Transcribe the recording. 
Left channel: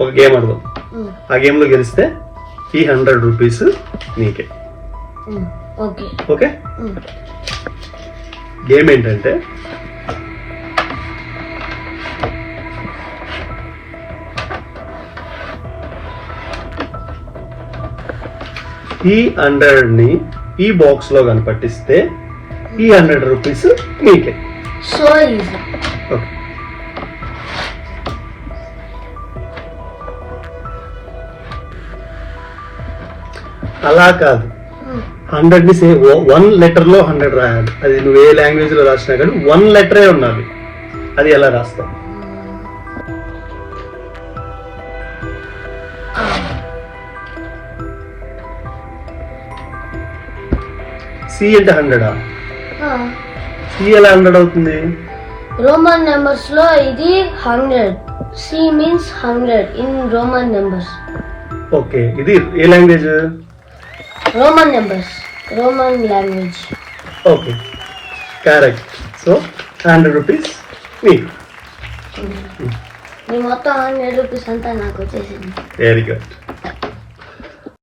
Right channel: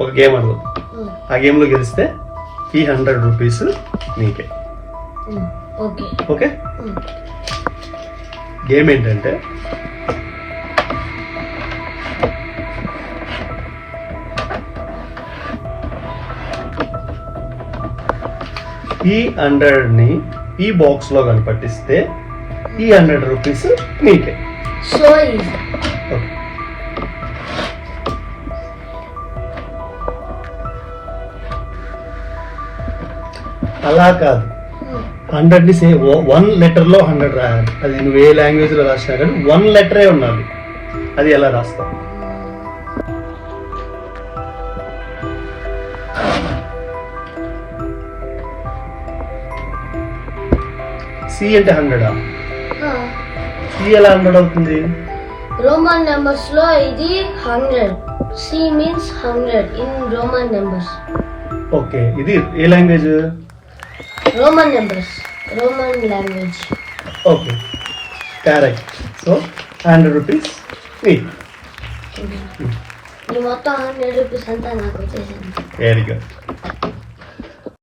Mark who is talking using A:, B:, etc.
A: ఒక గేమ్ ఆడదాం. ఆ గేమ్లో గెలిస్తే ఈ హండ్రెడ్ రూపీస్ నీకే.
B: ఉమ్, ఓకే.
A: గేమ్ ఏంటంటే ఈ హండ్రెడ్ని ఈ బాక్స్లో కనపట్టిస్తే ఈ హండ్రెడ్ రూపీస్ నీకే.
B: So
A: okay. అలా కాదు. హండ్రెడ్ని సేమ్ వన్ లెటర్లో హండ్రెడ్ రాయాలి. అది నువ్వు ఏ లాంగ్వేజ్లో రాసినా కానీ వన్ లెటరే ఉన్నది అది ఎలా రాస్తావు? సి అంటే హండ్రెడా? సి ఎలా హండ్రెడ్ అవుతుంది?
B: రోమన్ నెంబర్స్లో ఇది hundred. C means hundred in Roman numbers.
A: Okay. ఇది ఏ language?
B: Roman numbers Roman language
A: okay correct so hundred rupees
B: ఈ మొత్తం హండ్రెడ్ రూపీస్ అంతా నాకు వచ్చేసింది.
A: Very good